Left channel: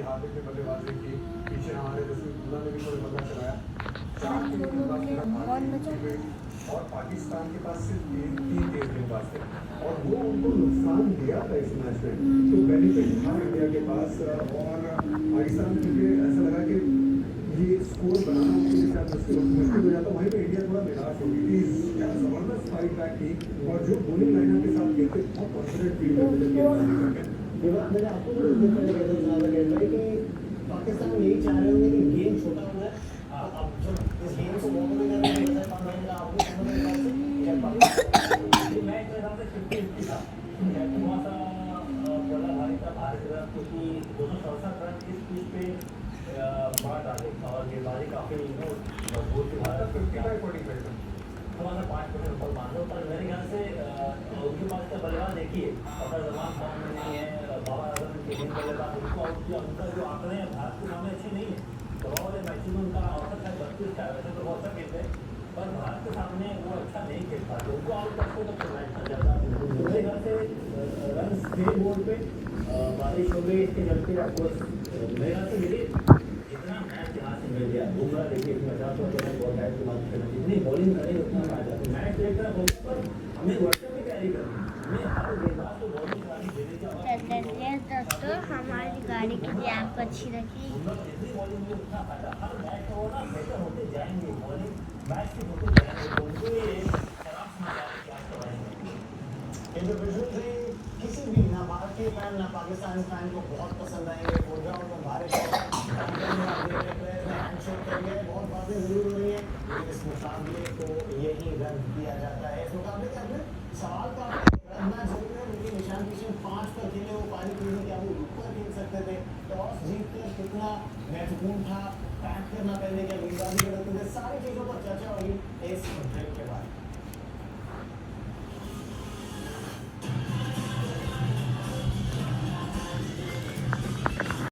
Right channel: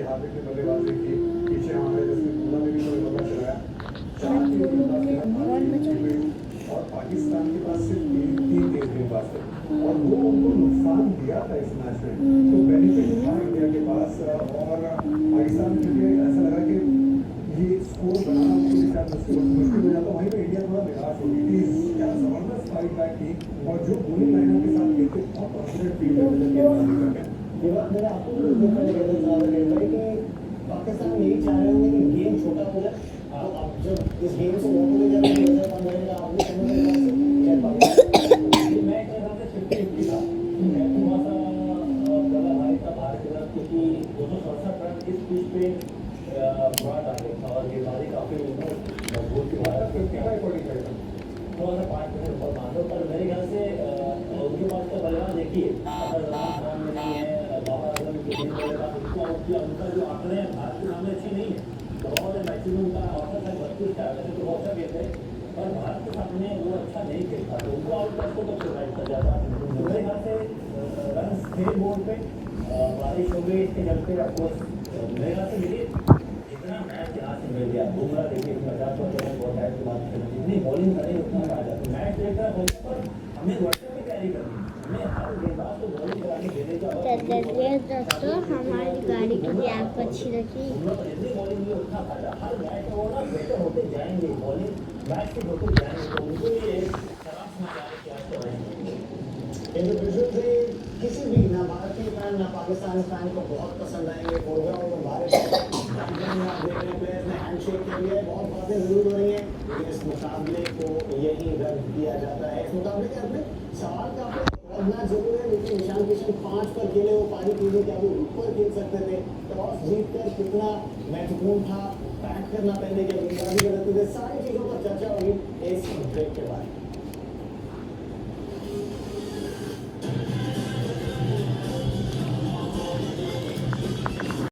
की, हार्दिक ने बल्लेबाजी की, पीछे हमारे जसप्रीत बुमराह ने भी कोई बल्ला चलाया। 4 गेंदबाज और पाकिस्तान के पास सिर्फ 3 गेंदबाज थे और वो उनको नुकसान दिया था इस मैच में। तो बेनिफिट था इंडिया के पास और पाकिस्तान में मुझे ऐसा लगा कि ये स्कोर बनाना उनके लिए शायद मुश्किल हो जाता। वहीं पे इंडिया थोड़ा निराश हो गई थी। क्या जबरदस्त फाइट बैक थी और जो बॉलिंग लाइनअप के साथ खेलते बहुत कॉन्फिडेंट फील करते थे गेंदबाजी करके। मेरे आपको भी देखने को मिला कि पाकिस्तान यही चाह रहे होंगे कि गेम छोटा हो जाए। अब जब इस गेम से वोट में जाने हो जाए 15 का आगे समझ में क्या पाकिस्तान मैच में हमने 50-50 था। कैप्टन बहुत बड़ा भाई था भारत के साथ क्योंकि 267 रन इस पिच पे बड़ा टारगेट था और ये बाजी काफी मजबूत थी भारत के। क्या रिकॉर्डिंग करेगा 5% ऊपर मान लो, पर मेरे ख्याल से उनके पास का बल्लेबाज देखिए अगर रन फॉर्म में नहीं है, बाबर आजम के तीन बल्लेबाज उनको आउट किया, उनका जो आंकड़े हैं भारत के सामने अच्छे नहीं है। दबाव में मैक्सिमम का औसत है 32 का, वैसे तो बहुत अच्छा खेलते हैं पर भारत के सामने वो अच्छा नहीं खेल पाते। उनको आउट करते तो प्रोवाइड कर जाता। मेरे ख्याल से रन थे बोर्ड पे, बारिश हो गई इसके चलते ऑफकोर्स मेरे ख्याल से देखिए जितना मैच यहाँ से मिल गया बुमराह देखिए 50 बहुत टाइम की बात करें, जितनी बॉलिंग करें उतना फायदा। तो मैच देखना होने पर हमें वर्षों की तैयारी करनी है, हमें हर गेंदबाज को बॉलिंग कराने देने का दोस्तों हमारी गाड़ी की भी आप अच्छी लगी। जितनी बॉलिंग में उतना फायदा। हर मैच में वो ना बेहतर होते जाएंगे, बॉलिंग मैच से होते जाएंगे तो उनको ये खराब समझ आते कि आज तो इंडिविजुअल किसी भी ना भारतीय फैन ना पाकिस्तानी फैन को बहुत पसंद आएंगे। भारत हैंडशेक कर दिया है, बहुत बातें जरूर हो रही हैं लेकिन इस मुकाबले को यही रद्द किया जाता है। इस मुकाबले के अपने सवाल का मैच जरूर है लेकिन निशान किशन 5 पर खेले वो पारी पीने के अभी ऊपर खेल सकते थे। टॉस जीतकर कितना महत्वपूर्ण था, बैट करना पहले क्या गेंदबाजी गलत हुई, सारी चीजों पर चर्चा होगी इस ब्रेक के बाद।